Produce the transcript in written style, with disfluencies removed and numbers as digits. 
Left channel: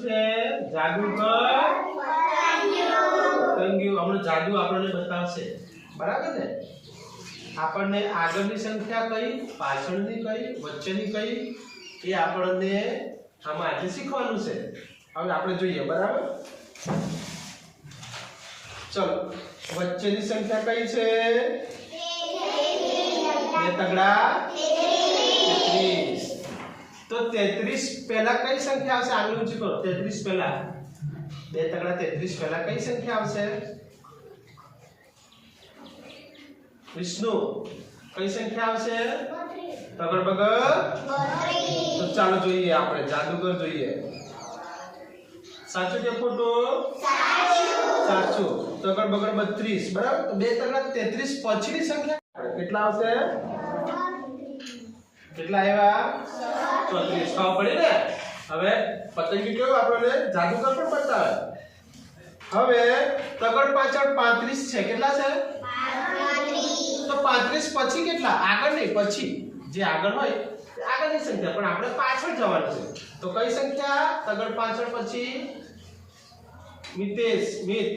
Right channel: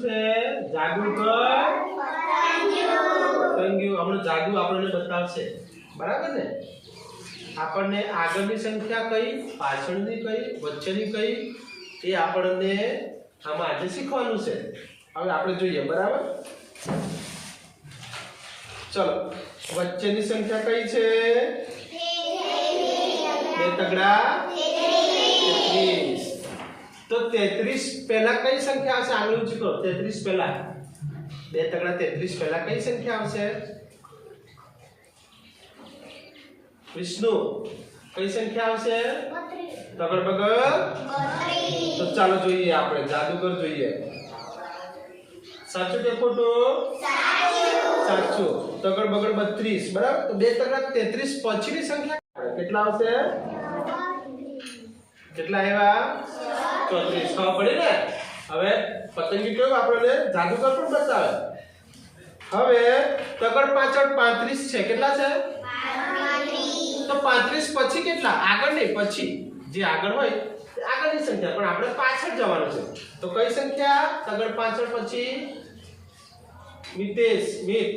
છે જાદુગર પતંગિયું આપણો જાદુ આપણને બતાવશે બરાબર ને આપણને આગળની સંખ્યા કઈ પાછળની કઈ વચ્ચેની કઈ એ આપણને આમાં આજે શીખવાનું છે હવે આપણે જોઈએ બરાબર ચલો વચ્ચેની સંખ્યા કઈ છે બે તગડા 33 तो 33 पहला कई संख्या आवशे आगे ऊंची करो 33 पहला બે તગડા 33 पहला कई संख्या आवशे विष्णु कई संख्या आवशे तगड़ बगड़ 32 तो ચાલો જોઈએ આપણે જાદુગર જોઈએ સાચું કે ખોટું સાચું તગड़ बगड़ 32 બરાબર તો બે તગડા 33 પછીની સંખ્યા કેટલા આવશે કેટલા આવ્યા 34 ખબર પડી ને હવે પતંગી કેવું આપણને જાદુગર પણ બતાવે હવે તગડ પાછળ 35 છે કેટલા છે 35 તો 35 પછી કેટલા આગળ નહીં પછી જે આગળ હોય તે આગળની સંખ્યા પણ આપણે પાછળ જવાનું છે તો કઈ સંખ્યા તગડ પાછળ પછી મિતેશ મિત